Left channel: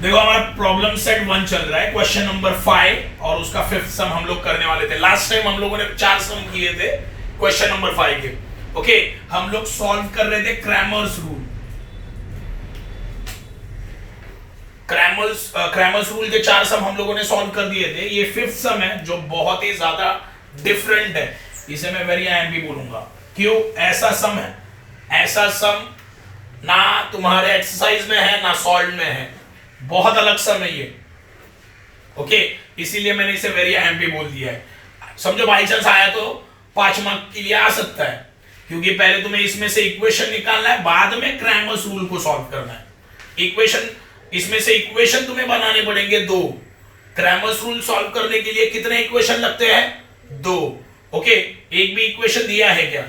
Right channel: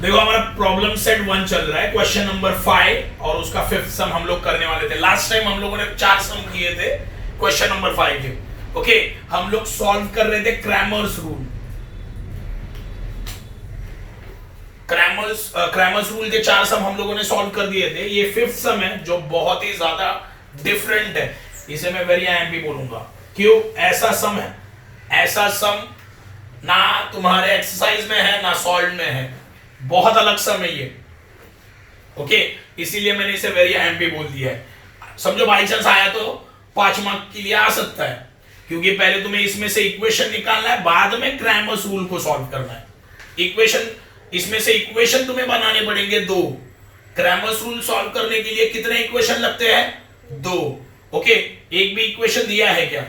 देखो हमारा problem set 1 चल रहा है, क्वेश्चन नंबर 5 और उसका 5th सम हम लोग करने वाले थे। लास्ट टाइम हम लोगों ने 4 सम किए थे क्वेश्चन नंबर 5 के। ओके, हम लोग सॉल्व कर रहे थे क्रैमर्स रूल। क्रैमर्स रूल के 4 सम हम लोगों ने सॉल्व कर दिए थे। ये 5th सम है जो बहुत ही ज्यादा डिफरेंट है, इसे मैं वेरी आईएमपी बोलूंगा। क्यों? ऐसा सम है, ऐसा सम ना तुम्हारे एक्सरसाइज में है ना सॉल्व में है, बहुत अलग सम है ये। ओके, इसीलिए मैंने इसे वेरी आईएमपी बोल दिया है। समझो बाई चांस आया तो 5 मार्क के लिए आ सकता है, क्योंकि पहले तुम्हें इसमें से इक्वेशन निकालना है, बाद में क्रैमर्स रूल को सॉल्व करना है। इक्वेशन, इसमें से इक्वेशन तुम्हें बनाने पड़ेंगे 2। क्रैमर्स रूल सॉल्व करने के लिए कितने इक्वेशन लगते हैं? 2। ओके, एक भी इक्वेशन दिया है क्या?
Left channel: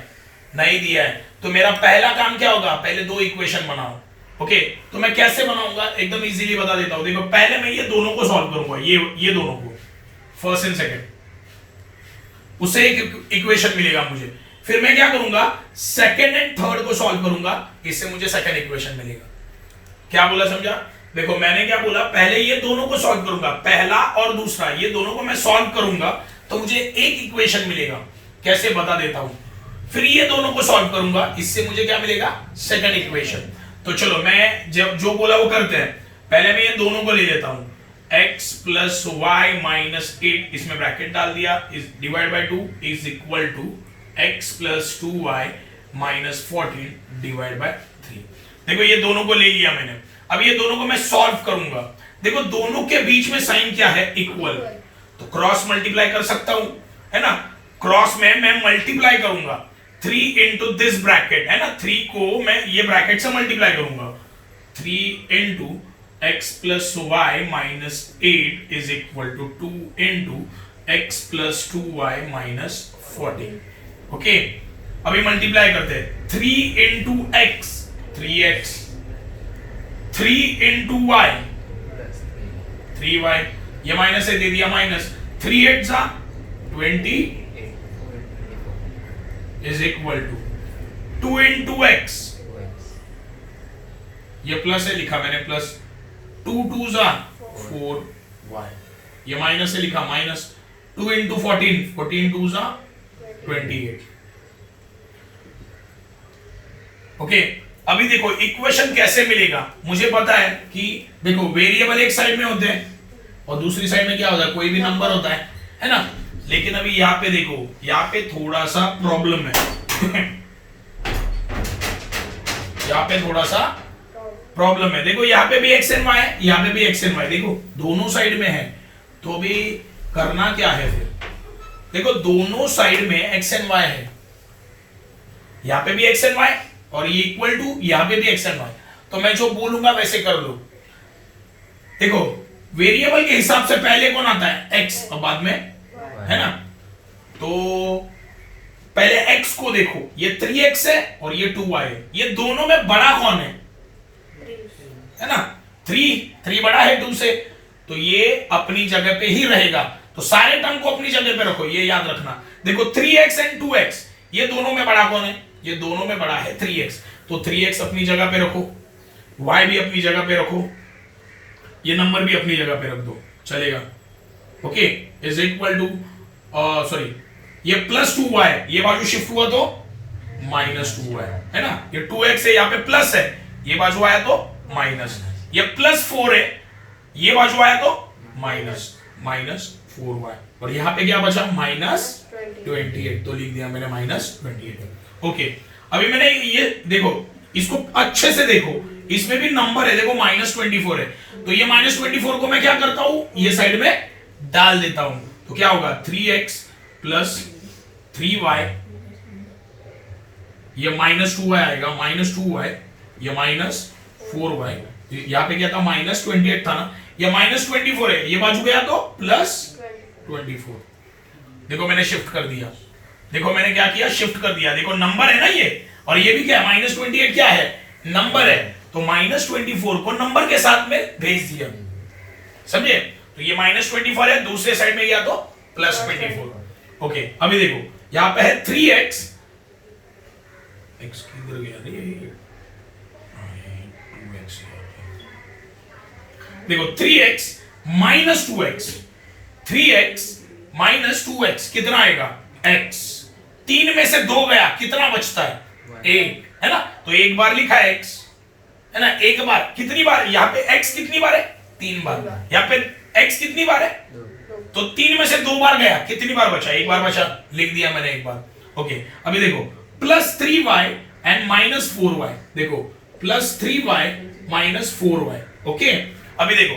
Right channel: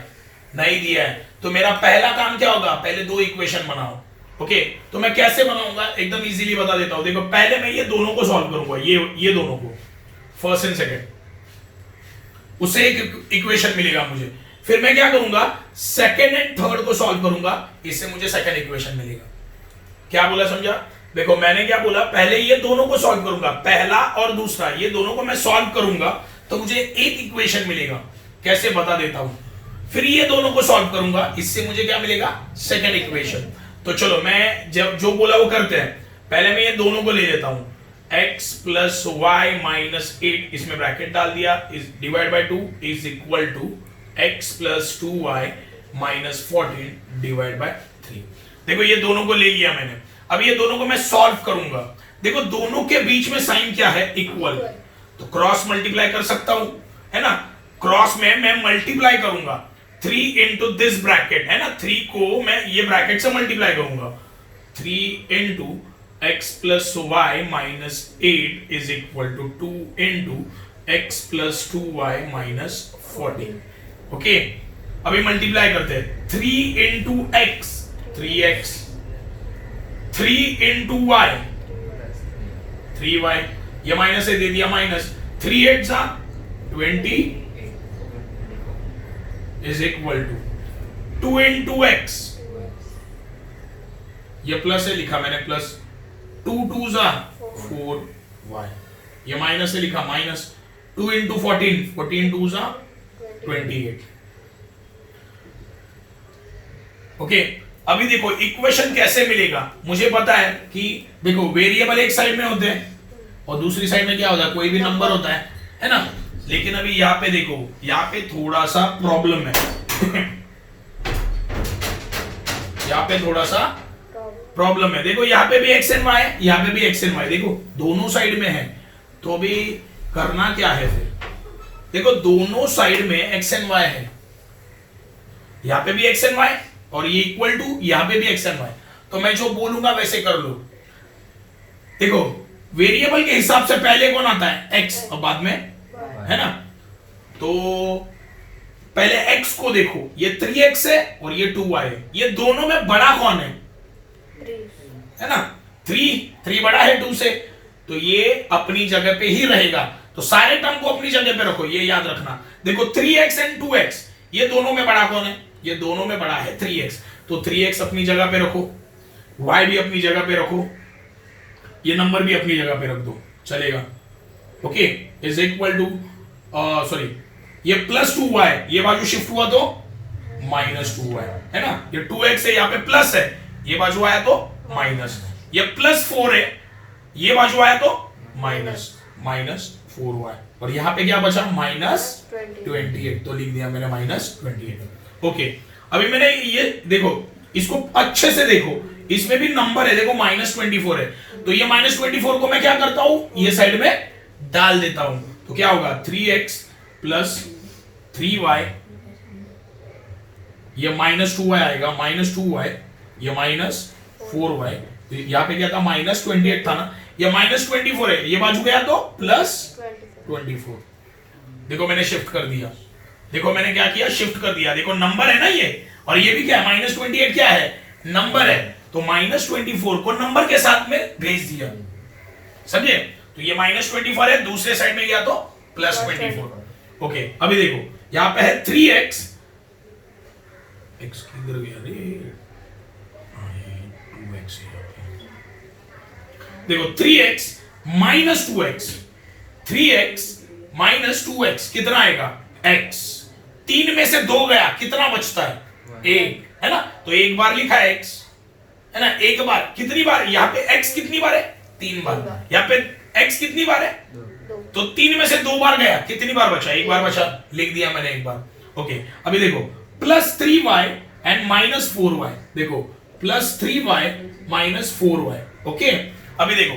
नहीं दिया है। तो मेरा पहला काम क्या होगा? पहले 2 इक्वेशन बनाओ। ओके, तो मैं कैसे बनाऊंगा एकदम इजीली बता देता हूं। देखो, पहले मैं ये दोनों को सॉल्व करूंगा, ये दोनों को, फर्स्ट एंड सेकंड, उससे एक इक्वेशन मिलेगा मुझे। फिर मैं क्या करूंगा? सेकंड एंड थर्ड को सॉल्व करूंगा, इससे मुझे सेकंड इक्वेशन मिलेगा। क्या बोला, समझा? देखो मैंने क्या बोला, पहले ये दोनों को सॉल्व करूंगा, पहला और दूसरा, ये दोनों को मैं सॉल्व करूंगा तो मुझे एक इक्वेशन मिलेगा। कैसे, बता देता हूं। फिर ये दोनों को सॉल्व करूंगा, इससे मुझे क्या मिलेगा? Second equation. तो चलो मैं जब जो बोला वो करते हैं। पहले मैं ये दोनों को ले लेता हूं, x प्लस वाई माइनस 8, इसमें ब्रैकेट डाल दिया, is divide by 2 is equal to x plus 2y minus 14 divide by 3। देखो ये दोनों को ले लिया मैंने। अब ये दोनों को मैं सॉल्व करूंगा। देखो दोनों के बीच में साइन क्या है? इक्वल। तो क्रॉस मल्टीप्लाई कर सकता हूं, है ना? क्रॉस में मैं मल्टीप्लाई करूंगा 3 इंटू दिस ब्रैकेट, है ना? 3 को मैं ये ब्रैकेट से मल्टीप्लाई करूंगा। 3 into x plus y minus 8 is equal to 2 into x plus 2y minus 14। Okay, अभी मल्टीप्लाई करते हैं। 3 into x 3x, 3 into Y 3y, ये माइनस से दे दिया माइनस, 3 8 जा 20 is equal to 2 into x, ये प्लस से लिखा मैंने, प्लस 2 2 जा 4y, ये माइनस से लिखा माइनस 2 इंटू 14, 14 2 जा 28। ओके, अभी देखो इक्वेशन कैसे मिलेगा। मुझे पता है कि देखो वेरिएबल एक साइड में होते हैं और दूसरी साइड में क्या होता है? कोई भी नंबर होता है ना? लेकिन अभी यहां पे देखो, यहां पे थोड़ा सा प्रॉब्लम है। यहां पे थोड़ा सा प्रॉब्लम है। देखो यहां पे भी एक्स एंड वाई है, यहां पे भी एक्स एंड वाई, देखो दोनों साइड में है। तो अभी करना क्या है फिर? देखो दोनों साइड में एक्स एंड वाई है, यहां पे भी एक्स एंड वाई और ये इक्वल टू यहां पे भी एक्स एंड वाई। तो मैं जो बोलूंगा वैसे कर लो। देखो वेरिएबल के हिसाब से पहले कौन आता है? एक्स, और बाद में, है ना? तो पहले x को देखो, ये 3x है और ये 2y है। ये दोनों में बड़ा कौन है ना? 3 बड़ा है 2 से, तो ये अपनी जगह पे ही रहेगा। तो सारे टर्म को अपनी जगह पे रखो, ये याद रखना। देखो 3x एंड 2x, ये दोनों में बड़ा कौन है? ये दोनों में बड़ा है 3x, तो 3x अपनी जगह पे रखो, y भी अपनी जगह पे रखो, ये नंबर भी अपनी जगह पे रख दो, चलेगा। Okay, is equal to sorry, ये प्लस 2y, ये बाजू शिफ्ट हुआ तो माइनस 2y, है ना? ये 2x है, यहाँ पे प्लस है, ये बाजू आया तो माइनस, ये प्लस 4 है, ये बाजू आया तो माइनस 4y, और यहाँ पे क्या बचा? माइनस 28, तो लिख दिया मैंने माइनस 28। ओके, अभी मैंने ये देखो, इसको अच्छे से देखो, इसमें भी नंबर है, देखो माइनस 24 है। तो ये माइनस 24 को मैं क्या करता हूं? ये साइड में डाल देता हूं, तो क्या होगा? 3x प्लस 3y, ये माइनस 2y आएगा, माइनस 2y, ये माइनस 4y, यहां पे क्या था? माइनस 28 था ना, ये माइनस 24 है, ये बाजू गया तो प्लस 24। देखो मैंने शिफ्ट कर दिया, देखो मैंने क्या किया? शिफ्ट कर दिया। देखो नंबर है ना ये, और ये भी क्या है? माइनस 28 क्या है? नंबर है, तो माइनस 24 को नंबर के साथ में भेज दिया, समझे? तो ये माइनस 24 है, दूसरे साइड में गया तो प्लस 24। ओके, अभी देखो यहां पे है 3x, x किधर गया रे? 2x, देखो 3x minus 2x, 3x minus 2x कितना आएगा x, 3 में से 2 गया कितना बचता है, 1 है ना। तो एक बार लिखा है x है ना, एक बार, कितनी बार यहाँ पे x कितनी बार है, 3 बार, यहाँ पे x कितनी बार है, तो 3 में से 2 बार गया, कितनी बार बचा, एक बार बचा, लिख दिया मैंने एक बार। ओके अभी देखो plus 3y and minus 4y, देखो plus 3y minus 4y। Okay अभी देखो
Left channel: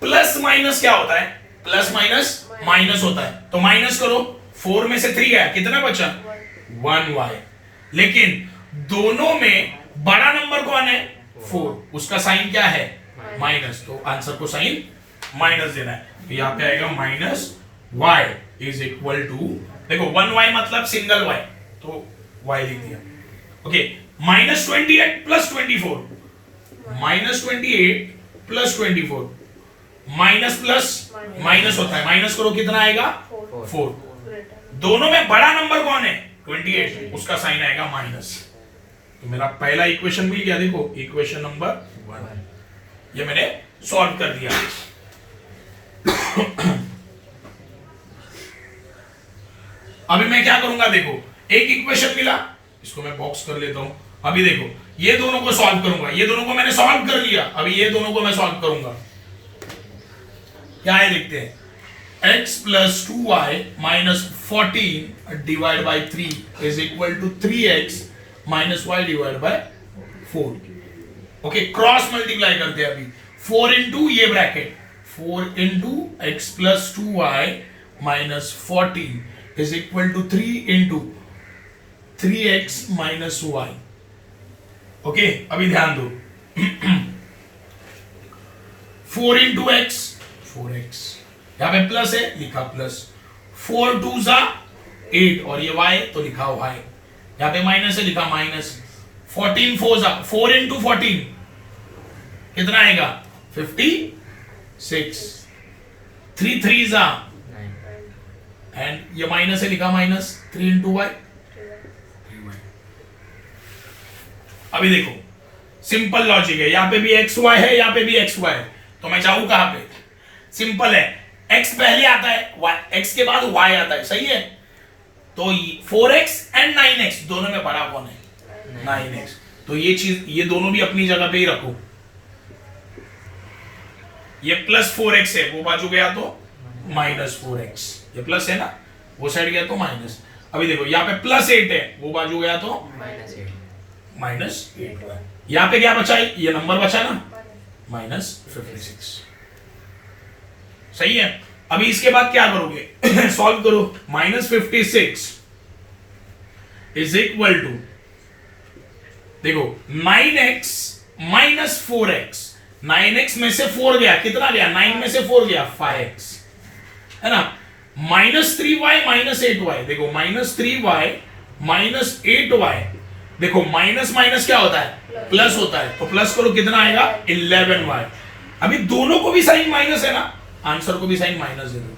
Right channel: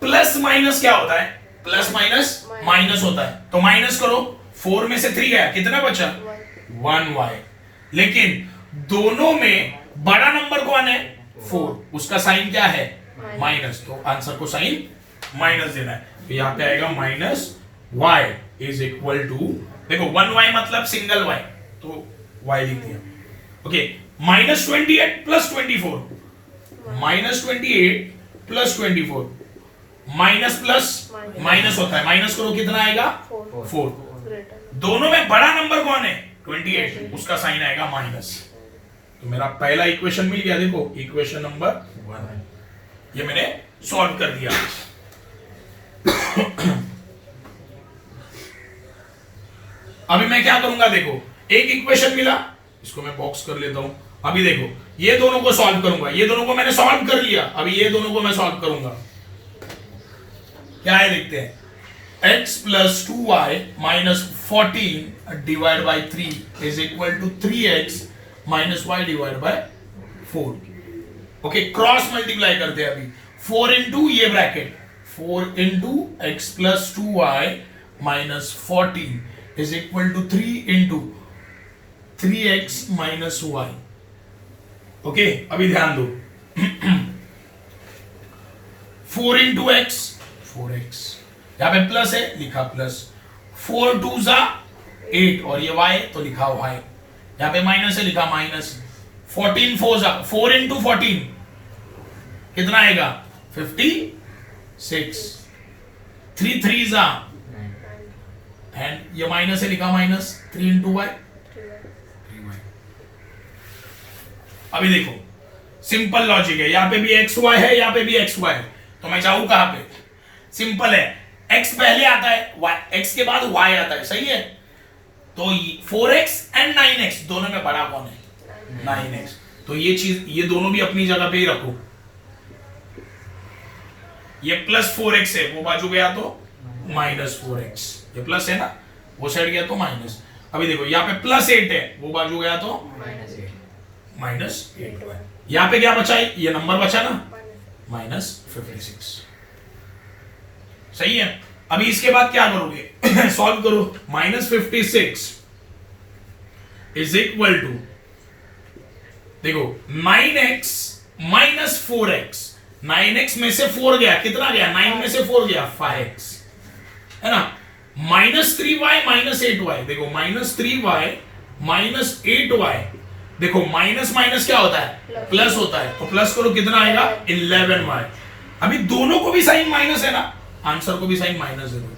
प्लस माइनस क्या होता है, प्लस माइनस माइनस होता है, तो माइनस करो, 4 में से 3 गया, कितना बचा, 1y। लेकिन दोनों में बड़ा नंबर कौन है, 4, उसका साइन क्या है, माइनस, तो आंसर को साइन माइनस देना है। तो यहां पे आएगा minus y is equal to, देखो 1y मतलब सिंगल y, तो y लिख दिया। Okay minus 28 plus 24, minus 28 plus 24, minus plus minus होता है, माइनस करो कितना आएगा, 4। दोनों में बड़ा नंबर कौन है, 28, उसका साइन आएगा माइनस। तो मेरा पहला इक्वेशन मिल गया, देखो इक्वेशन नंबर 1 ये मैंने सॉल्व कर दिया। अभी मैं क्या करूंगा, देखो एक इक्वेशन मिला, इसको मैं बॉक्स कर लेता हूं। अभी देखो ये दोनों को सॉल्व करूंगा, ये दोनों को मैंने सॉल्व कर लिया, अभी ये दोनों को मैं सॉल्व करूंगा। क्या है देखते हैं, x plus 2y minus 14 divide by 3 is equal to 3x minus y divide by 4। Okay cross multiply करते हैं अभी, 4 इंटू ये bracket, 4 into x plus 2y minus 14 is equal to 3 into 3x minus y। Okay अभी ध्यान दो 4 into x 4x, यहां पे plus है लिखा प्लस, 4 2 जा 8 और ये y तो लिखा y, यहां पे माइनस है लिखा माइनस, 14 4 जा 4 इंटू 14 कितना आएगा 56, 3 3 जा एंड ये माइनस है लिखा माइनस, 3 इंटू y। अभी देखो सिंपल लॉजिक है, यहां पे भी एक्स वाई है, यहां पे भी एक्स वाई है, तो मैं जाऊं कहां पे, सिंपल है, x पहले आता है, x के बाद y आता है, सही है। तो 4x एंड 9x दोनों में बड़ा कौन है, 9x। तो ये चीज, ये दोनों भी अपनी जगह पे ही रखो, ये प्लस 4x है, वो बाजू गया तो माइनस 4x, ये प्लस है ना, वो साइड गया तो माइनस। अभी देखो यहाँ पे प्लस 8 है, वो बाजू गया तो माइनस 8। यहाँ पे क्या बचा, ये नंबर बचा ना, माइनस 56, सही है। अभी इसके बाद क्या करोगे सॉल्व करो, माइनस 56 इज इक्वल टू, देखो 9x माइनस 4x, 9x में से 4 गया, कितना गया, 9 में से 4 गया 5x, है ना, माइनस 3y माइनस 8y, देखो माइनस 3y माइनस 8y, देखो माइनस माइनस क्या होता है, प्लस होता है, तो प्लस करो कितना आएगा 11y। अभी दोनों को भी साइन माइनस है ना, आंसर को भी साइन माइनस दे दो,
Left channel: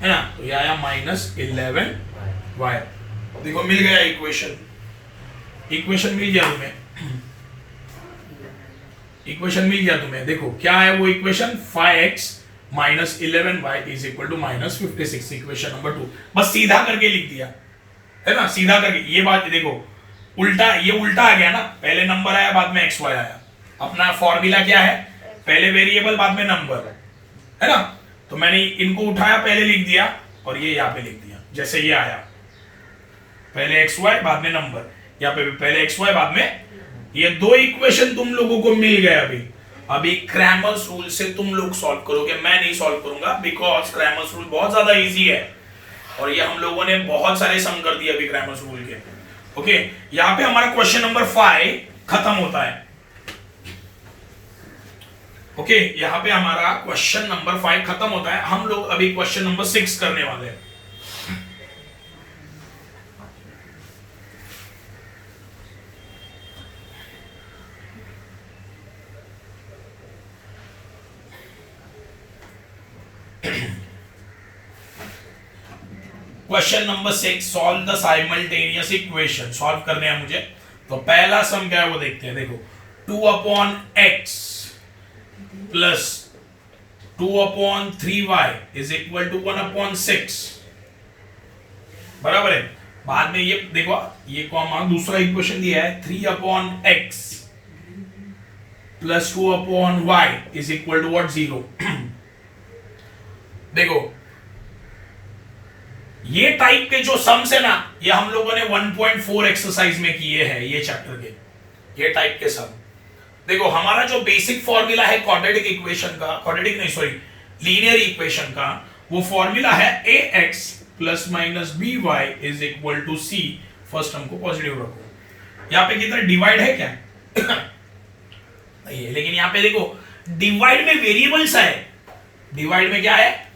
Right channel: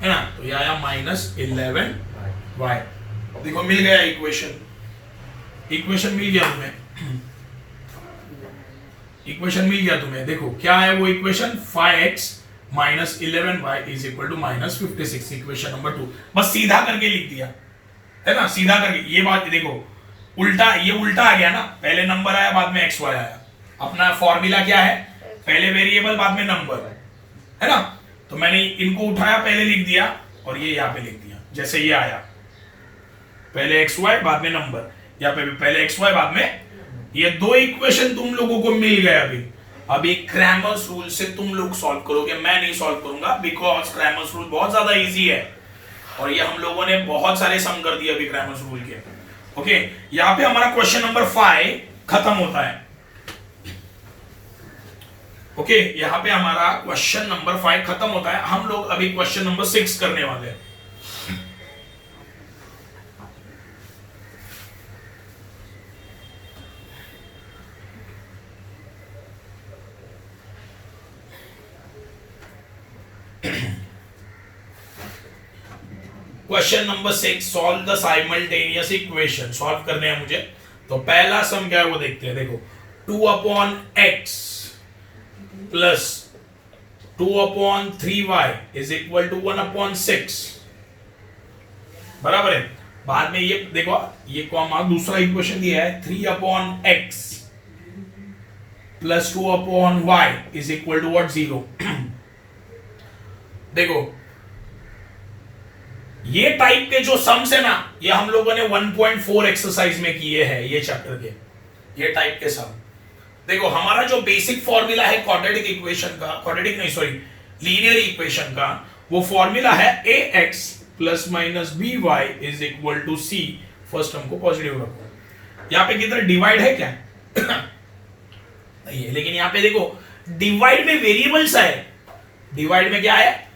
है ना, तो ये आया माइनस 11y। देखो मिल गया इक्वेशन, इक्वेशन मिल गया तुम्हें, इक्वेशन मिल गया तुम्हें। देखो क्या है वो equation, 5x minus 11y is equal to minus 56, equation number 2। बस सीधा करके लिख दिया, है ना, सीधा करके। ये बात देखो उल्टा, ये उल्टा आ गया ना, पहले नंबर आया बाद में एक्स वाई आया। अपना फॉर्मूला क्या है, पहले वेरिएबल बाद में नंबर, है ना। तो मैंने इनको उठाया, पहले लिख दिया और ये यहाँ पे लिख दिया, जैसे ये आया, पहले एक्स वाई बाद में नंबर, यहाँ पे भी पहले एक्स वाई बाद में। ये दो इक्वेशन तुम लोगों को मिल गए। अभी क्रैमर्स रूल से तुम लोग सॉल्व करोगे, मैं नहीं सॉल्व करूंगा, बिकॉज क्रैमर्स रूल बहुत ज्यादा इजी है और ये हम लोगों ने बहुत सारे सम कर दिए अभी क्रैमर्स रूल के। ओके यहाँ पे हमारा क्वेश्चन नंबर 5 खत्म होता है। ओके यहाँ पे हमारा क्वेश्चन नंबर 5 खत्म होता है। हम लोग अभी क्वेश्चन नंबर 6 करने वाले हैं। Question number 6, solve the simultaneous equation. Solve करने हैं मुझे, तो पहला सम क्या है वो देखते हैं। देखो 2 upon x plus 2/3y is equal to 1/6। बराबर है। बाद में ये देखो, ये को हमारा दूसरा इक्वेशन दिया है 3/x plus 2/y is equal to what 0। देखो ये टाइप के जो सम्स है ना, ये हम लोगों ने 1.4 एक्सरसाइज में किए हैं ये चैप्टर के, ये टाइप के सम। देखो हमारा जो बेसिक फॉर्मूला है क्वाड्रेटिक इक्वेशन का, क्वाड्रेटिक नहीं सॉरी लीनियर इक्वेशन का, वो फॉर्मूला है ax plus minus by is equal to c। First term को पॉजिटिव रखो। यहां पे कितना डिवाइड है क्या? नहीं है, लेकिन यहां पे देखो डिवाइड में वेरिएबल्स है। डिवाइड में क्या है?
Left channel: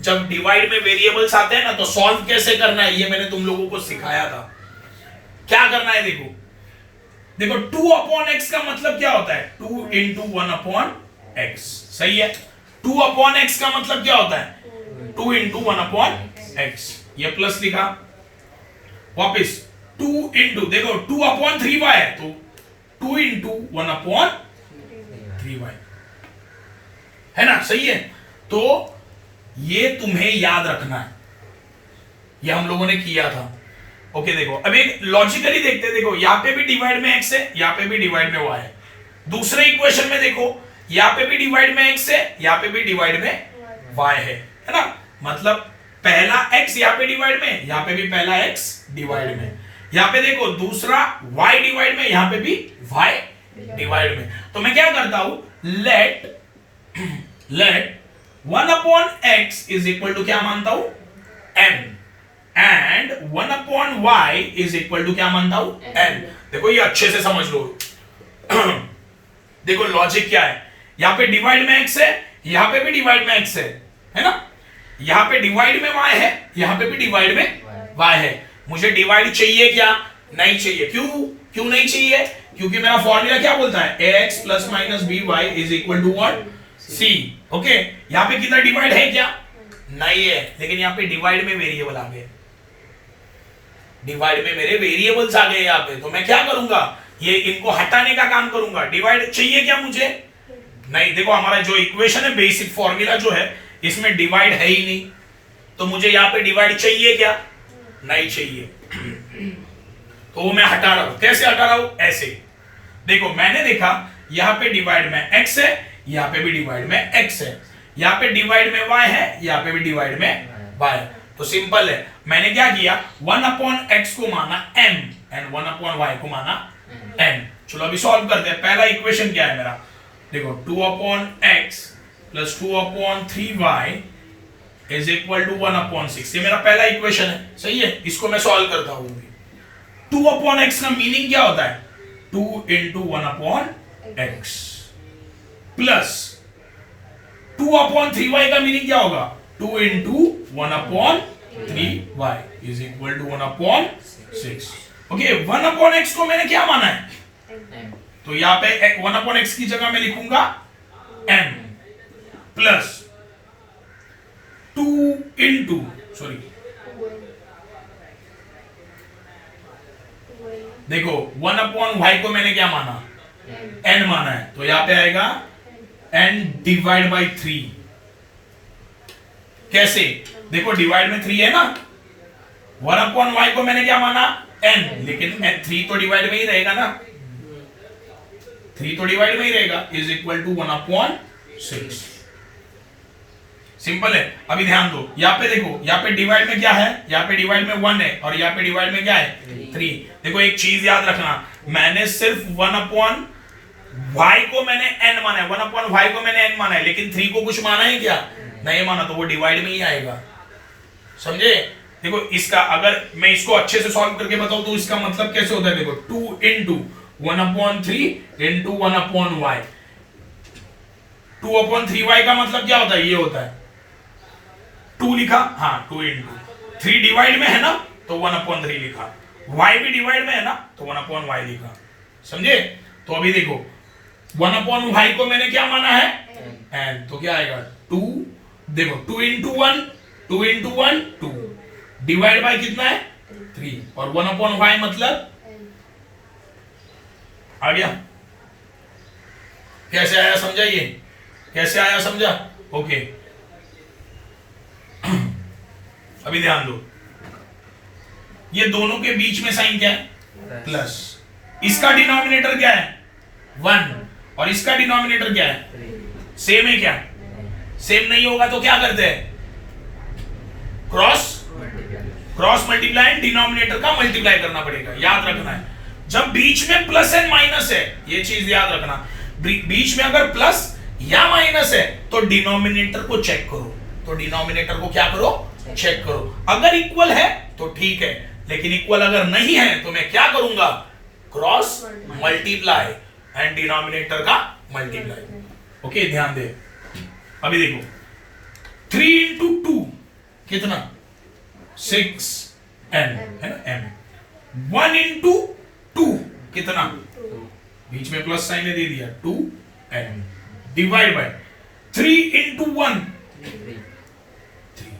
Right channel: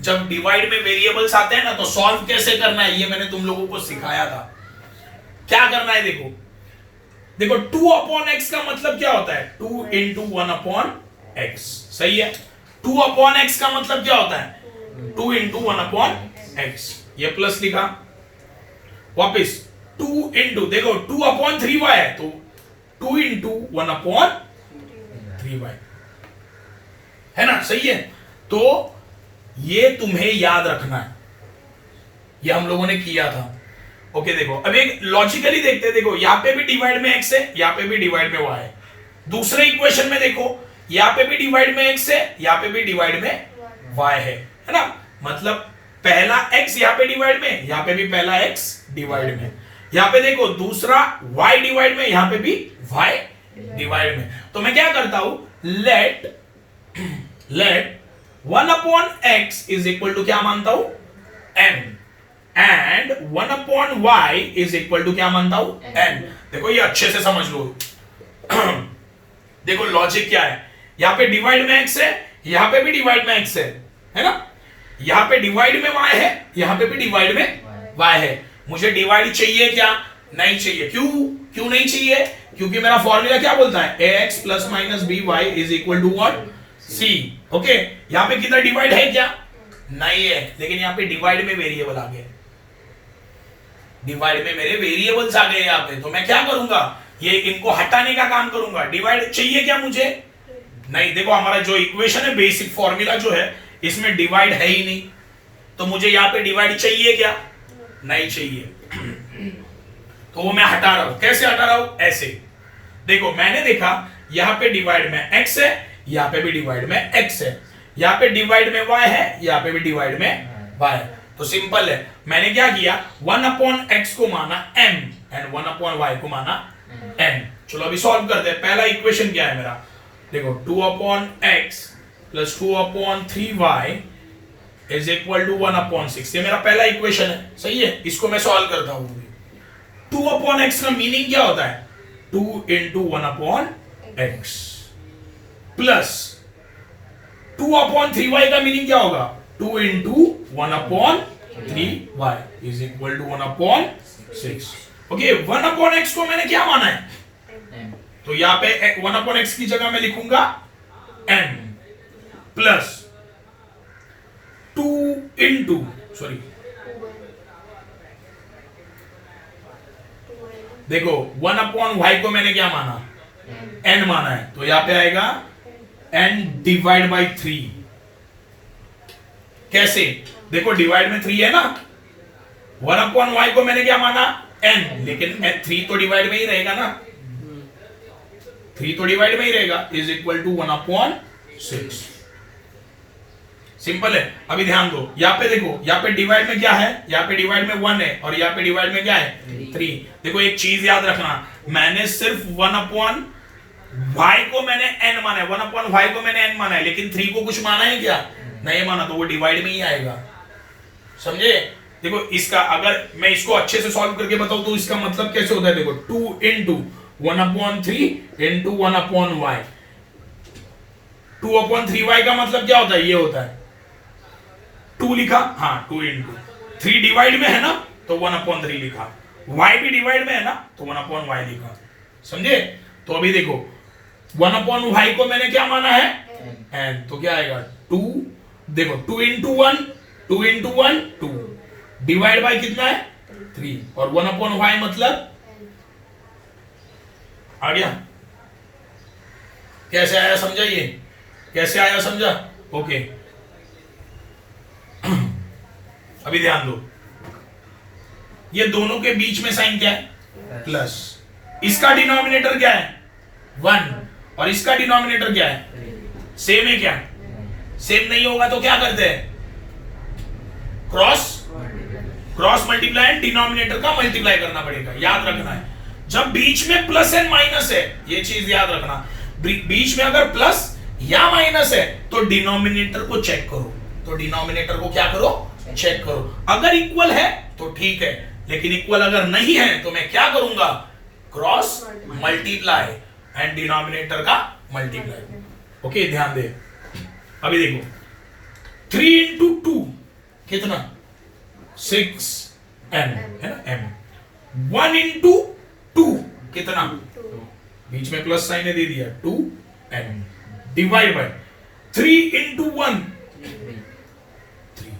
जब डिवाइड में वेरिएबल्स आते हैं ना, तो सॉल्व कैसे करना है ये मैंने तुम लोगों को सिखाया था। क्या करना है देखो, देखो 2/x का मतलब क्या होता है? 2 इंटू 1/x। सही है। 2/x का मतलब क्या होता है? 2 इंटू 1/x। ये प्लस लिखा, वापिस 2 इंटू, देखो 2/3y है तो 2 इंटू 1/3y है ना। सही है। तो ये तुम्हें याद रखना है, ये हम लोगों ने किया था। ओके देखो अब एक लॉजिकली देखते हैं। देखो यहां पे भी डिवाइड में x है, यहां पे भी डिवाइड में y है। दूसरे इक्वेशन में देखो यहां पे भी डिवाइड में x है, यहां पे भी डिवाइड में y है ना। मतलब पहला x यहां पे डिवाइड में, यहां पे भी पहला x डिवाइड में। यहां पे देखो दूसरा y डिवाइड में, यहां पे भी y डिवाइड में। तो मैं क्या करता हूं, late 1/x is equal to क्या मानता हूं? m and 1/y is equal to क्या मानता हूं? n। देखो ये अच्छे से समझ लो। देखो लॉजिक क्या है, यहां पे डिवाइड में x है, यहां पे भी डिवाइड में x है ना। यहां पे डिवाइड में y है, यहां पे भी डिवाइड में y है। मुझे डिवाइड चाहिए क्या? नहीं चाहिए। क्यों नहीं चाहिए? क्योंकि मेरा फॉर्मूला क्या बोलता है? ax plus minus by is equal to what? c। Okay यहां पे कितना डिवाइड है क्या? नहीं है, लेकिन यहां पे डिवाइड में वेरिएबल आ गए। डिवाइड में मेरे वेरिएबल्स आ गए यहां पे, तो मैं क्या करूंगा? ये इनको हटाने का काम करूंगा। डिवाइड चाहिए क्या मुझे? नहीं। देखो हमारा जो इक्वेशन है, बेसिक फॉर्मूला जो है, इसमें डिवाइड है ही नहीं, तो मुझे यहां पे डिवाइड चाहिए क्या? नहीं चाहिए। तो वो मैं हटा रहा हूं। कैसे हटा रहा हूं? ऐसे। देखो मैंने देखा यहां पे डिवाइड में x है, यहां पे भी डिवाइड में x है, यहां पे डिवाइड में y है, यहां पे भी डिवाइड में y है। तो सिंपल है, मैंने क्या किया, 1/x को माना m एंड 1/y को माना n। चलो अभी सॉल्व करते हैं। पहला इक्वेशन क्या है मेरा? देखो 2/x plus 2/3y is equal to 1/6। ये मेरा पहला इक्वेशन है। सही है। इसको मैं सॉल्व करता हूं। 2/x का मीनिंग क्या होता है? 2 इंटू 1/x प्लस 2/3y का मीनिंग क्या होगा? 2 into 1/3y is equal to 1/6। Okay 1/x को मैंने क्या माना है? तो यहां पे 1/x की जगह मैं लिखूंगा m प्लस 2 इंटू देखो 1/y को मैंने क्या माना? n माना है, तो यहां पे आएगा n डिवाइड बाई 3। कैसे? देखो डिवाइड में 3 है ना, 1/y को मैंने क्या माना? n, लेकिन 3 तो डिवाइड में ही रहेगा ना, 3 तो डिवाइड में ही रहेगा, इज इक्वल टू 1/6। सिंपल है। अभी ध्यान दो, यहाँ पे देखो, यहाँ पे डिवाइड में क्या है? यहाँ पे डिवाइड में 1 है, और यहाँ पे डिवाइड में क्या है? 3। देखो एक चीज याद रखना, मैंने सिर्फ 1/y को मैंने n माना है, 1/y को मैंने n माना है, लेकिन 3 को कुछ माना है क्या? नहीं माना, तो वो डिवाइड में ही आएगा। समझे? देखो इसका अगर मैं इसको अच्छे से सॉल्व करके बताऊं तो इसका मतलब कैसे होता है? देखो 2 इंटू 1/3 इंटू 1/y। 2/3y का मतलब क्या होता है? ये होता है 2 लिखा, हाँ 2 इंटू 3 डिवाइड में है ना, तो 1/3 लिखा, y भी डिवाइड में है ना, तो 1/y लिखा। समझे? तो अभी देखो 1/y को मैंने क्या माना है? n, तो क्या आएगा? 2। देखो 2 इंटू 1, 2 इंटू 1 2, डिवाइड बाय कितना है? 3, और 1/y मतलब आ गया। कैसे आया समझा? ये कैसे आया समझा? ओके अभी ध्यान दो, ये दोनों के बीच में साइन क्या है? प्लस। इसका डिनोमिनेटर क्या है? 1 और इसका डिनोमिनेटर क्या है? सेम है क्या? सेम नहीं होगा तो क्या करते हैं? क्रॉस मल्टीप्लाई, डिनोमिनेटर का मल्टीप्लाई करना पड़ेगा, याद रखना है। जब बीच में प्लस एंड माइनस है, ये चीज याद रखना, बीच में अगर प्लस या माइनस है तो डिनोमिनेटर को चेक करो, तो डिनोमिनेटर को क्या करो? चेक करो। अगर इक्वल है तो ठीक है, लेकिन इक्वल अगर नहीं है तो मैं क्या करूंगा? क्रॉस मल्टीप्लाई एंड डिनोमिनेटर का मल्टीप्लाई। ओके ध्यान दे, अभी देखो 3 इंटू 2 कितना? 6n है ना, m। 1 इंटू 2 कितना? बीच में प्लस साइन दे दिया, 2n divide by 3 into 1 3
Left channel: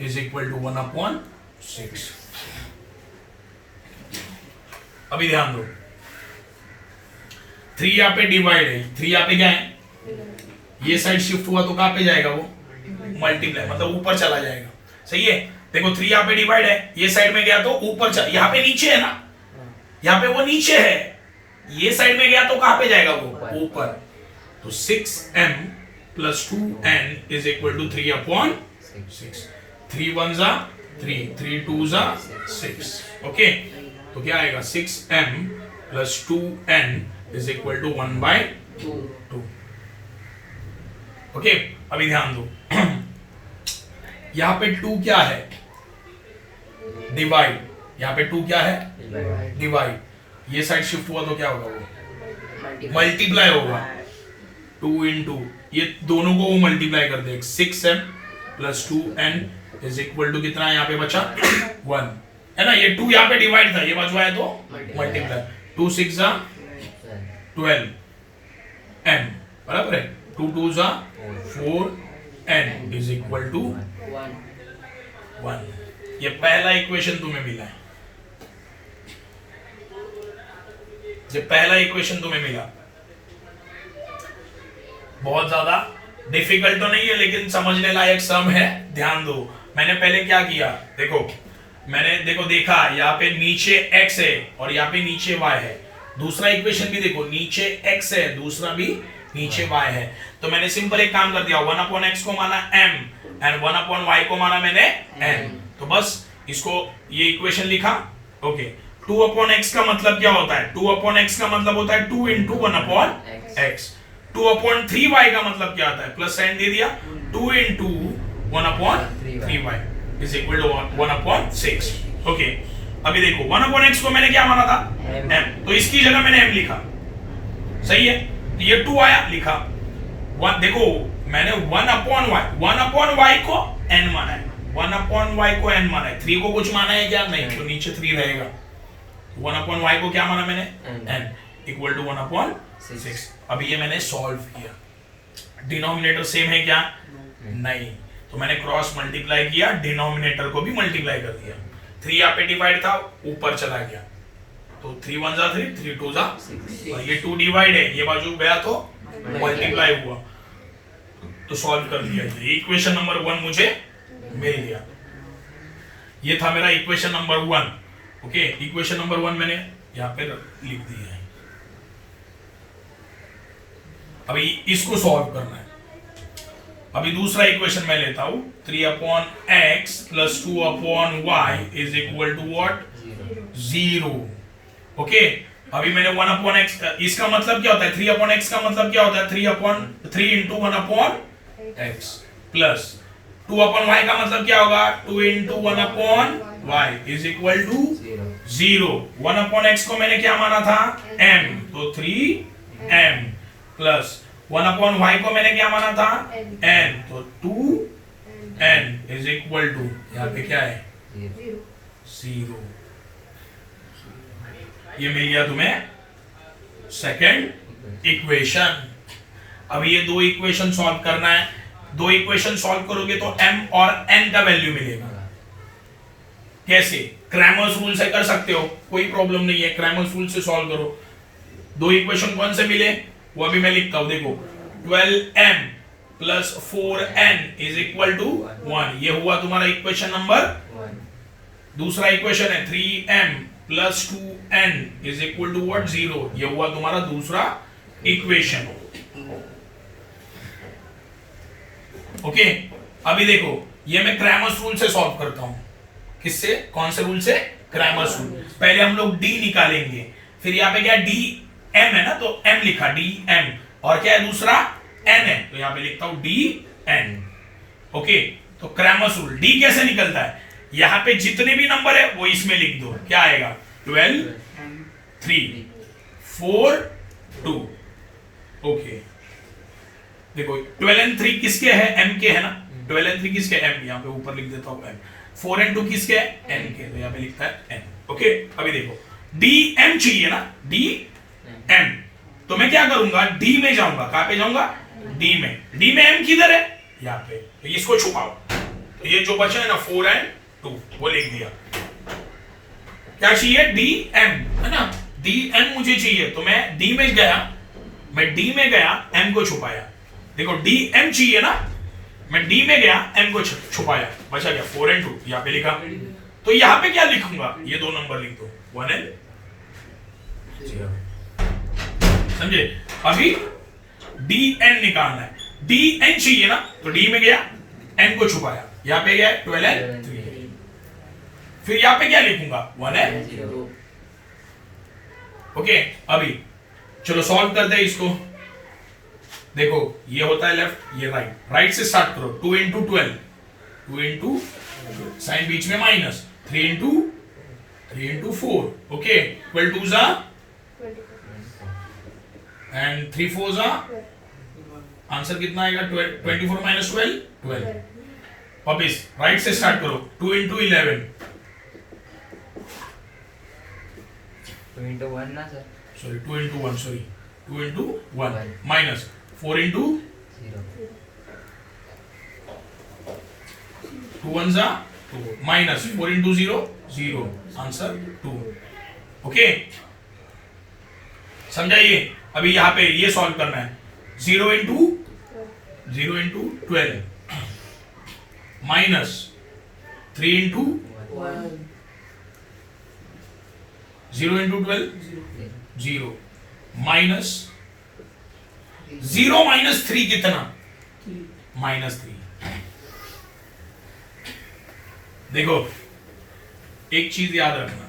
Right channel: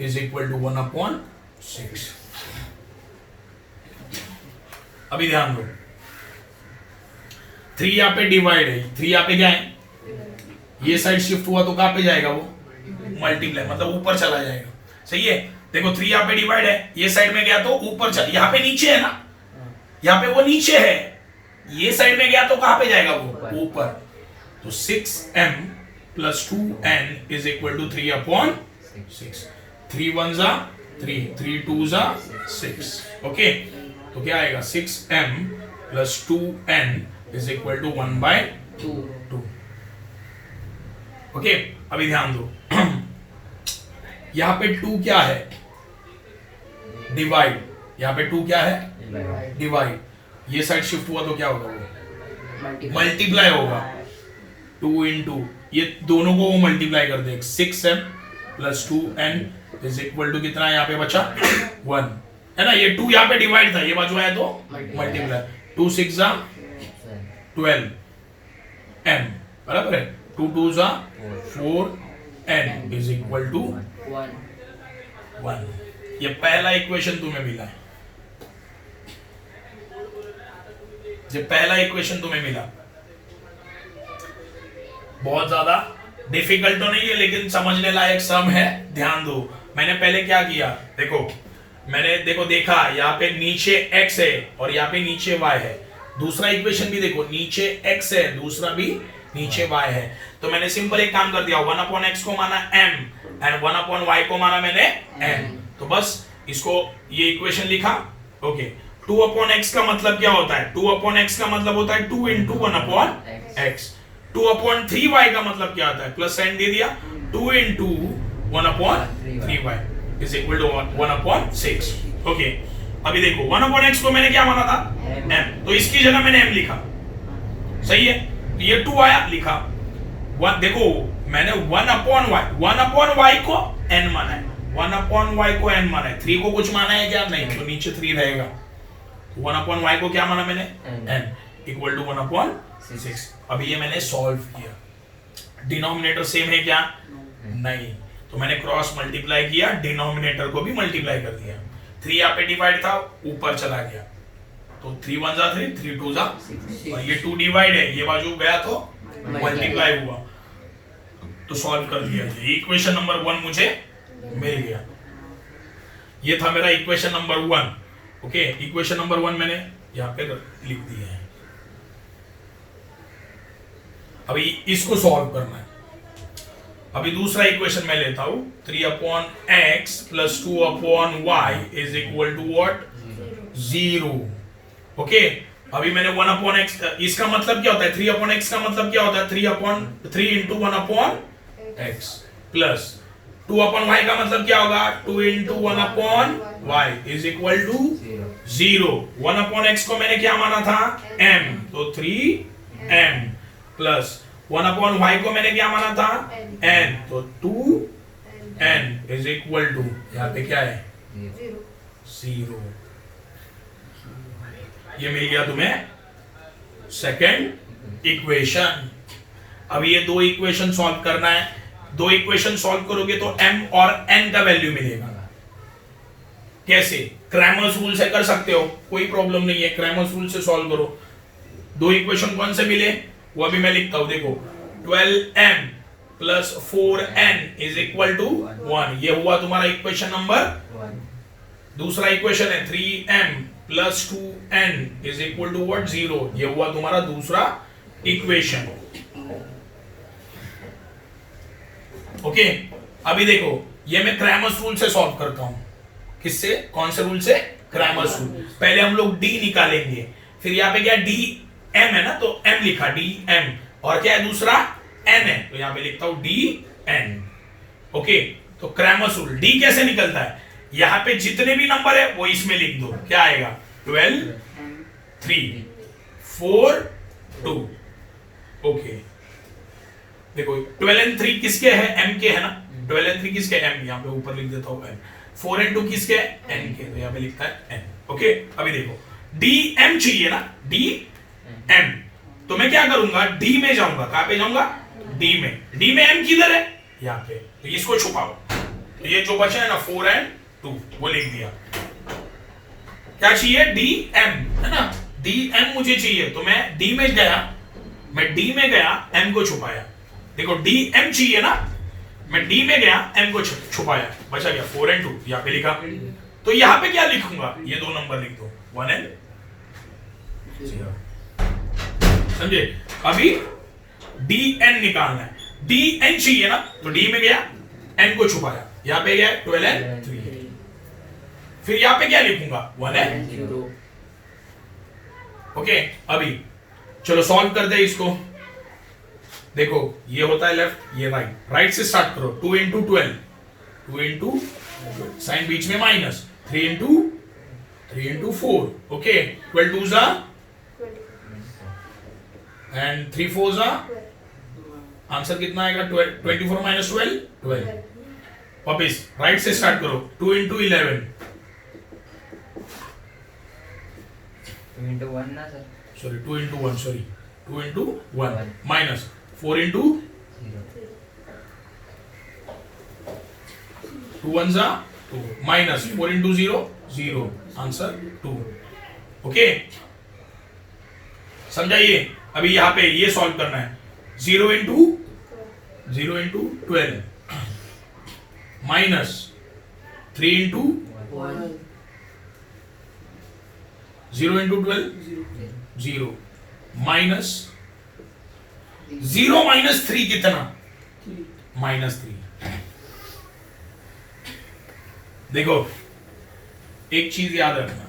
is equal to 1/6। अभी ध्यान दो, 3 यहां पे डिवाइड है, 3 यहां पे क्या है? ये साइड शिफ्ट हुआ तो कहां पे जाएगा वो? मल्टीप्लाई, मतलब ऊपर चला जाएगा। सही है, देखो 3 यहां पे डिवाइड है, ये साइड में गया तो ऊपर चला, यहां पे नीचे है ना, यहां पे वो नीचे है, ये साइड में गया तो कहां पे जाएगा वो? ऊपर। तो 6m plus 2n is equal to 3/6। 3 1 जा 3, 3 2 जा 6। ओके, तो क्या आएगा? 6m plus 2n is equal to 1/2। Okay, अभी ध्यान दो यहां पे 2 क्या है? डिवाइड। यहां पे 2 क्या है? डिवाइड। ये साइड शिफ्ट हुआ तो क्या होगा? वो मल्टीप्लाई होगा। 2 इंटू ये दोनों को वो मल्टीप्लाई कर दे, 6m plus 2n is equal to कितना? यहाँ पे बचा 1 है ना, ये 2 यहाँ पे डिवाइड था, ये बाजू आया तो मल्टीप्लाई। 2 6 जा 12n बराबर है, 2 2 जा 4n इज इक्वल टू 1। ये पहला इक्वेशन तुम्हें मिला है, ये पहला इक्वेशन तुम्हें मिला। बहुत ज्यादा डिफिकल्ट तो नहीं है, लेकिन समझने लायक सम है। ध्यान दो, मैंने पहले क्या किया? देखो मैंने देखा यहाँ पे नीचे x है और यहाँ पे नीचे y है। दूसरा इक्वेशन भी देखो, नीचे x है, दूसरा भी नीचे y है। तो मैंने सिंपल एक काम कर दिया, 1/x को माना m एंड 1/y को माना मैंने n। तो बस इसको ये इक्वेशन लिखा। ओके, 2/x का मतलब क्या होता है? 2/x का मतलब होता है 2 इंटू 1/x। 2/3y का मतलब क्या आता है? प्लस साइन दे दिया, 2 into 1/3y is equal to 1/6। Okay, अभी देखो 1/x को मैंने क्या माना था? m, तो इसकी जगह मैंने m लिखा। सही है, ये 2 आया, लिखा 1। देखो मैंने 1/y को n माना है, 1/y को n माना है, 3 को कुछ माना है क्या? नहीं, तो नीचे 3 रहेगा। 1/y को क्या माना मैंने? n equal to 1/6। अभी ये मैंने सॉल्व किया, डिनोमिनेटर सेम है क्या? नहीं, तो मैंने क्रॉस मल्टीप्लाई किया, डिनोमिनेटर को भी मल्टीप्लाई कर दिया। 3 यहाँ पे डिवाइड था, ऊपर चला गया, तो 3 1 जा 3, 3 2 जा 6, और ये 2 डिवाइड है, ये बाजू गया तो मल्टीप्लाई हुआ, तो सॉल्व कर दिया। इक्वेशन नंबर 1 मुझे मिल गया। ये था मेरा equation number 1। Okay, equation number 1 मैंने यहाँ पे लिख दिया है। अभी इसको सॉल्व करना है। अभी दूसरा इक्वेशन मैं लेता हूं, 3/x plus 2/y is equal to what? 0। Okay, अभी मैंने 1/x, इसका मतलब क्या होता है? 3/x का मतलब क्या होता है? 3 इंटू 1/x प्लस 2/y का मतलब क्या होगा? 2 into 1/y is equal to 0। 1/x को मैंने क्या माना था? m, तो 3m प्लस 1/y को मैंने क्या माना था? n, तो 2n इज इक्वल टू, यहाँ पे क्या है? 0। ये मिल गया तुम्हें सेकंड इक्वेशन। अब ये 2 इक्वेशन सॉल्व करना है। 2 इक्वेशन सॉल्व करोगे तो m और n का वैल्यू मिलेगा। कैसे? क्रैमर्स रूल से कर सकते हो, कोई प्रॉब्लम नहीं है, क्रैमर्स रूल से सॉल्व करो। 2 इक्वेशन कौन से मिले? वो अभी मैं लिखता हूं, देखो 12m plus 4n is equal to 1, ये हुआ तुम्हारा इक्वेशन नंबर 1। दूसरा इक्वेशन है 3m plus 2n is equal to what 0, ये हुआ तुम्हारा दूसरा इक्वेशन। ओके अभी देखो ये मैं क्रैमर्स रूल से सॉल्व करता हूं। किससे? कौन से रूल से? Cramer's rule. पहले हम लोग d निकालेंगे, फिर यहाँ पे क्या डी एम है ना, तो m लिखा डी एम, और क्या है दूसरा n है, तो यहाँ पे लिखता हूं डी एन। ओके तो क्रैमर्स रूल, d कैसे निकलता है? यहाँ पे जितने भी नंबर है वो इसमें लिख दो, क्या आएगा 12 3 4 2। ओके देखो 12 and 3 किसके है? m के है ना, 12 and 3 किसके? m, यहाँ पे ऊपर लिख देता हूँ m। 4 and 2 किसके? n के, तो यहाँ पे लिखता है n। ओके अभी देखो dm चाहिए ना, dm, तो मैं क्या करूंगा d में जाऊंगा, कहां पे जाऊंगा? d में m किधर है? यहाँ पे, तो इसको छुपाओ, तो ये जो बचा है ना 4 and 2 वो लिख दिया। क्या चाहिए? dm है ना, dm मुझे चाहिए, तो मैं d में गया, मैं d में गया m को छुपाया। देखो dm चाहिए ना, मैं d में गया m को छुपाया, बचा गया 4 and 2, यहाँ पे लिखा। तो यहाँ पे क्या लिखूंगा? ये दो नंबर लिख दो 1 and 0, समझे? अभी dn निकालना है, dn चाहिए ना, तो d में गया n को छुपाया, यहाँ पे गया 12 and 3, फिर यहाँ पे क्या लिखूंगा 1 and 0। ओके अभी चलो सॉल्व करते हैं इसको। देखो ये होता है लेफ्ट, ये राइट, राइट से स्टार्ट करो। 2 into 12, 2 into साइन बीच में माइनस, 3 into 4, ओके 12 2 जा एंड 3 4 जा, आंसर कितना आएगा 24 minus 12 12। वापिस राइट से स्टार्ट करो, 2 into 11, 2 into 1 ना sir, sorry 2 into 1, sorry 2 into 1 minus 4 into 0, 2 1 जा 2 माइनस 4 into 0 0, आंसर 2। ओके समझाइए? अभी यहां पे ये सॉल्व करना है, 0 into 12 minus 3 into 1, 0 into 12 0 minus 0 minus 3 कितना? -3। देखो एक चीज याद रखना,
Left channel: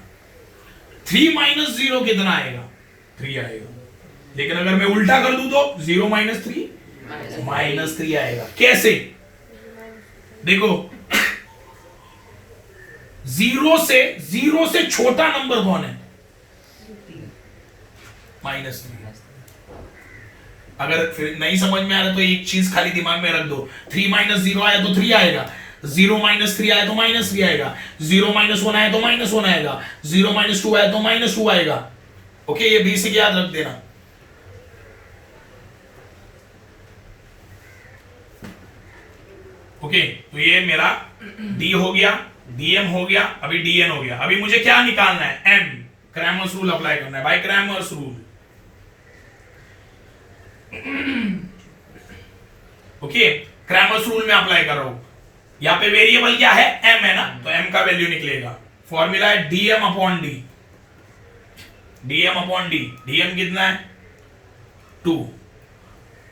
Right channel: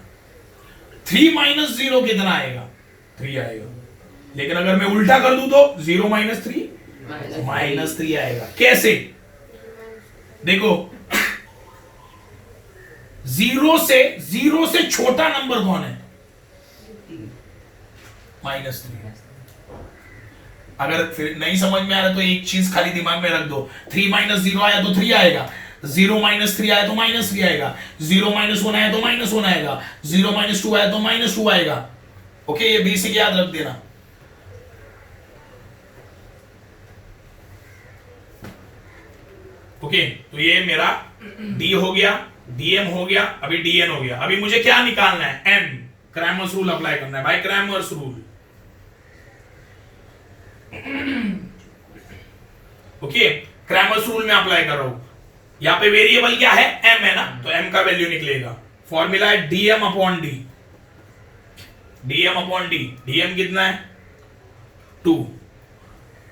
3 minus 0 कितना आएगा? 3 आएगा, लेकिन अगर मैं उल्टा कर दूं तो 0 minus 3 -3 आएगा। कैसे? देखो 0 से छोटा नंबर कौन है? -3। अगर फिर नहीं समझ में आ रहा तो एक चीज खाली दिमाग में रख दो, 3 minus 0 आया तो 3 आएगा, 0 minus 3 आया तो -3 आएगा, 0 minus 1 आया तो -1 आएगा, 0 minus 2 आया तो -2 आएगा। ओके ये बेसिक याद रख देना। ओके तो ये मेरा d हो गया, dm हो गया, अभी dn हो गया। अभी मुझे क्या निकालना है? m, क्रैमर्स रूल अप्लाई करना है भाई, Cramer's rule. Okay Cramer's rule में अप्लाई कर रहा हूं। यहां पे वेरिएबल क्या है? m है ना, तो m का वैल्यू निकलेगा। फॉर्मूला है dm upon d, dm upon d। dm कितना है? 2,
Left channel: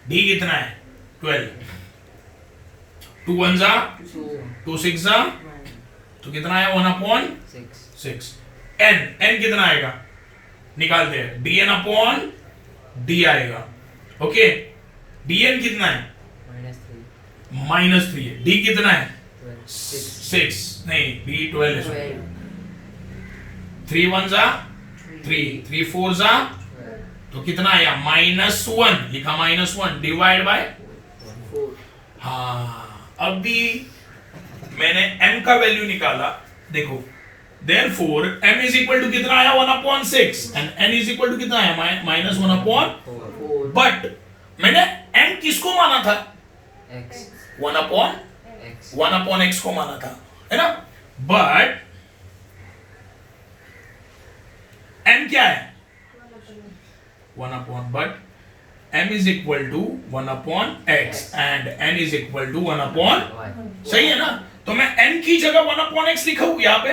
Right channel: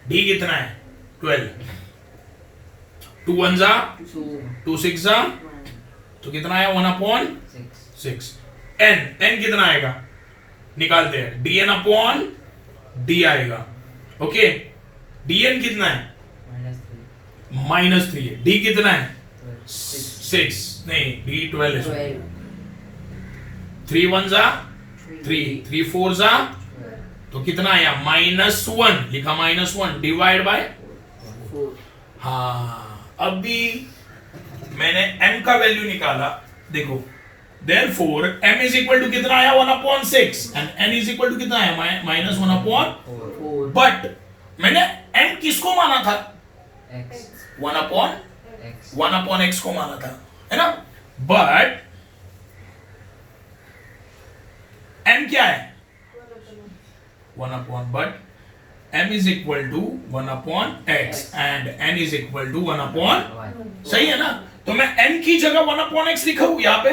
d कितना है? 12, 2 1 जा 2 6 जा, तो कितना आया? 1 अपॉन 6। n कितना आएगा? निकालते हैं, dn अपॉन d आएगा। ओके dn कितना है? -3 है। d कितना है? 6 नहीं, d 12 है। 3 1 जा 3, 3 4 जा, तो कितना आया? -1 लिखा, -1 डिवाइड बाय 4। हाँ अभी मैंने m का वैल्यू निकाला। देखो therefore m is equal to कितना आया? 1/6 and n is equal to कितना आया? -1/4। बट मैंने m किसको माना था? x, 1/x को माना था, है ना? बट m क्या है? 1/, but m is equal to 1 upon x and n is equal to 1 upon, सही है ना? तो मैं n की जगह 1 upon x लिखा हूं यहाँ पे,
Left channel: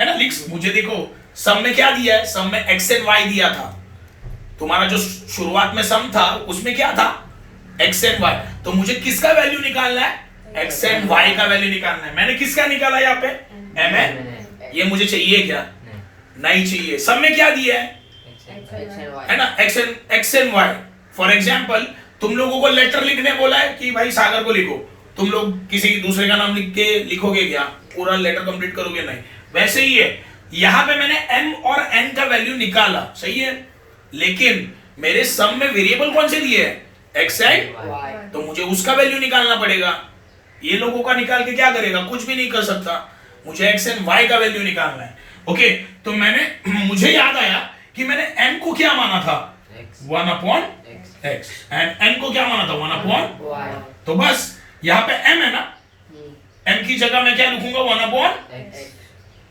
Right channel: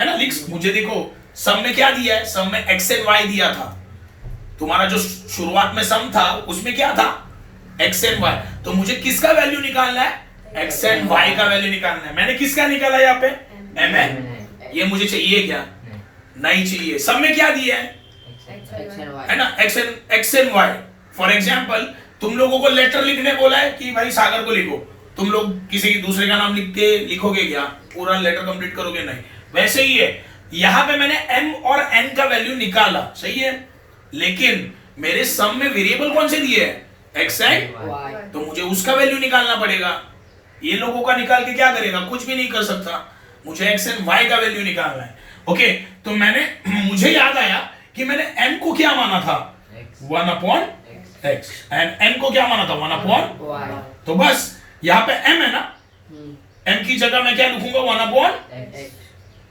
है ना? मुझे देखो सम में क्या दिया है, सम में x and y दिया था। तुम्हारा जो शुरुआत में सम था उसमें क्या था, x and y। तो मुझे किसका वैल्यू निकालना है, x and y का वैल्यू निकालना है। मैंने किसका निकाला यहाँ पे, mn। ये मुझे चाहिए क्या, नहीं चाहिए। सब में क्या दिया है ना, x and y। For example तुम लोगों को लेटर लिखने बोला है कि भाई सागर को लिखो, तुम लोग किसी दूसरे का नाम लिख के लिखोगे क्या, पूरा लेटर कंप्लीट करोगे, नहीं। वैसे ही है, यहां पे मैंने m और n का वैल्यू निकाला, सही है, लेकिन मेरे सम में वेरिएबल कौन से दिए हैं, x एंड y, तो मुझे उसका वैल्यू निकालना पड़ेगा। ये लोगों का निकाल के क्या करेगा, कुछ भी नहीं कर सकता, मुझे x एंड y का वैल्यू निकालना है। ओके, तो मैंने मुझे याद आया कि मैंने m को क्या माना था, 1 अपॉन x, एंड n को क्या माना था, 1 अपॉन y। तो बस यहाँ पे m है ना, m की जगह मैं क्या लिखूंगा, 1 upon x।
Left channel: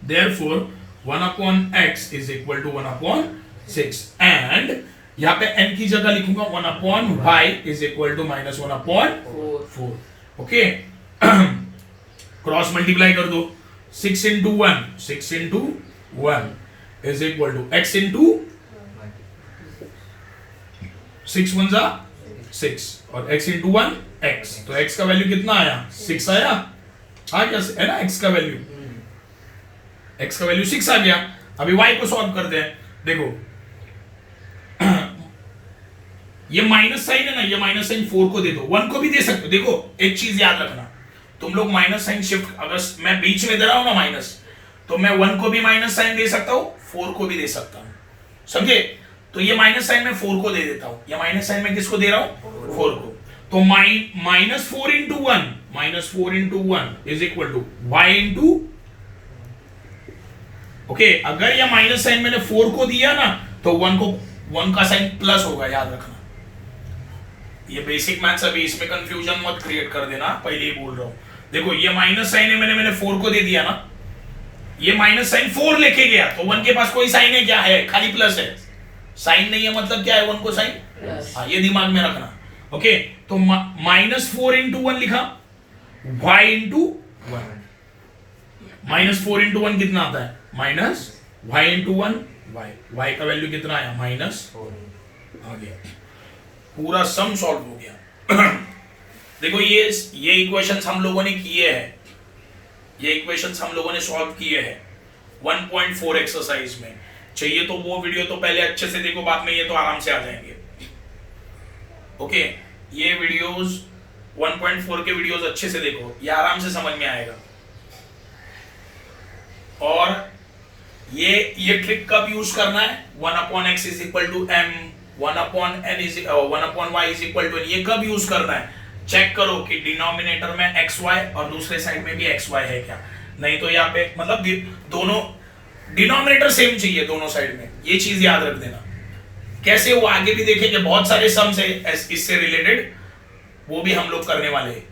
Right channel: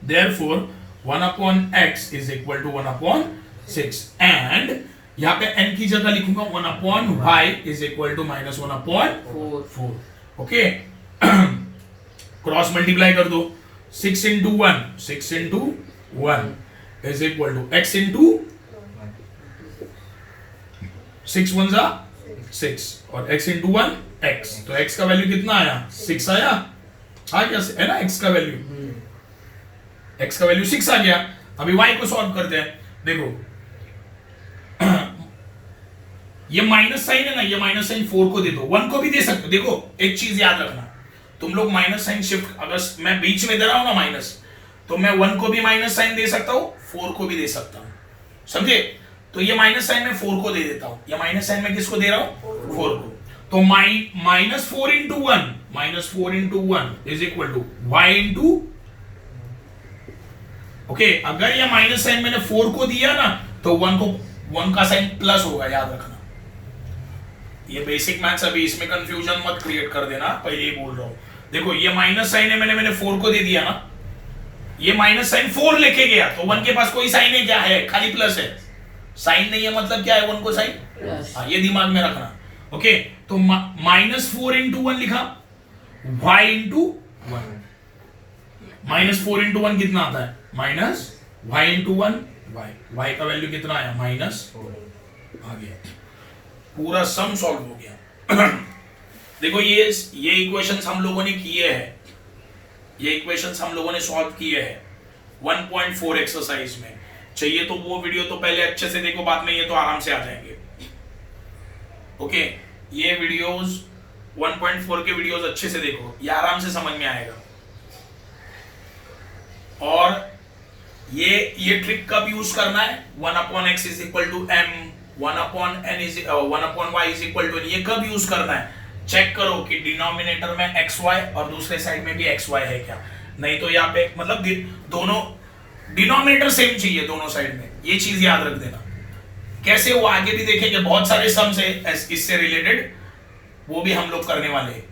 Therefore 1 upon x is equal to 1 upon 6, and यहाँ पे n की जगह लिखूंगा 1 upon y is equal to minus 1 upon 4। Okay, cross multiply कर दो, 6 into 1, 6 into 1 is equal to x into 6 1 जा 6 और x into 1 x, तो x का वैल्यू कितना आया, 6 आया, आ गया है ना, x का वैल्यू, x का वैल्यू 6 आ गया। अभी y को सॉल्व करते हैं। देखो ये माइनस साइन है ना, ये माइनस साइन 4 को दे दो, 1 को भी दे सकते हो। देखो एक चीज याद रखना, तुम लोग माइनस साइन शिफ्ट, अगर मैं बीच में दे रहा हूं ना माइनस, तो मैं 1 को भी माइनस साइन दे सकता हूं, 4 को भी दे सकता हूं, समझे? तो ये माइनस साइन में 4 को दे देता हूं, ये माइनस साइन में किसको दे रहा हूं, 4 को। तो minus 4 into 1, minus 4 into 1 is equal to y into, okay, अगर ये माइनस साइन मैंने 4 को दिया ना, तो 1 का साइन प्लस होगा, याद रखना। ये बेसिक मैथ्स, अभी इसमें कंफ्यूजन मत क्रिएट कर देना, पहले ही बोल रहा हूं। देखो ये माइनस साइन है, मैंने 4 को दे दिया ना, ये माइनस साइन 4 लेके गया, तो 1 के पास कोई साइन है क्या, है, खाली प्लस है, साइन नहीं है मतलब क्या है, 1 को साइन, हाँ, ये दिमाग में रखना। ओके, तो माइनस 4 इंटू 1 लिखा, y इंटू 1, माइनस 4 इंटू 1 कितना आता है, माइनस y इंटू 1 y का वैल्यू कितना आया, माइनस 4 आ गया, पूरा सम सॉल्व हो गया। देखो ये इक्वेशंस हम लोगों ने किए हैं, ये इक्वेशंस हम लोगों ने सॉल्व किए हैं 1.4 एक्सरसाइज में। चाहिए तो वो वीडियो तो पहले अच्छे से देखो, बाद में ये तो आराम से आ जाएंगे। ओके, ये वीडियोस 1.4 के वीडियोस अच्छे से देखो, ये आराम से समझ में आएगा। और ये ट्रिक कब यूज करना है, 1 upon x is equal to m, 1 upon y is equal to n, ये कब यूज करना है, चेक करो कि डिनोमिनेटर में xy और दूसरे साइड में भी xy है क्या, नहीं तो यहाँ पे मतलब दोनों डिनोमिनेटर सेम चाहिए दोनों साइड में, ये चीज याद रख देना। कैसे, वो आगे भी देखेंगे, बहुत सारे सम्स है इससे रिलेटेड, वो भी हम लोग करने वाले हैं।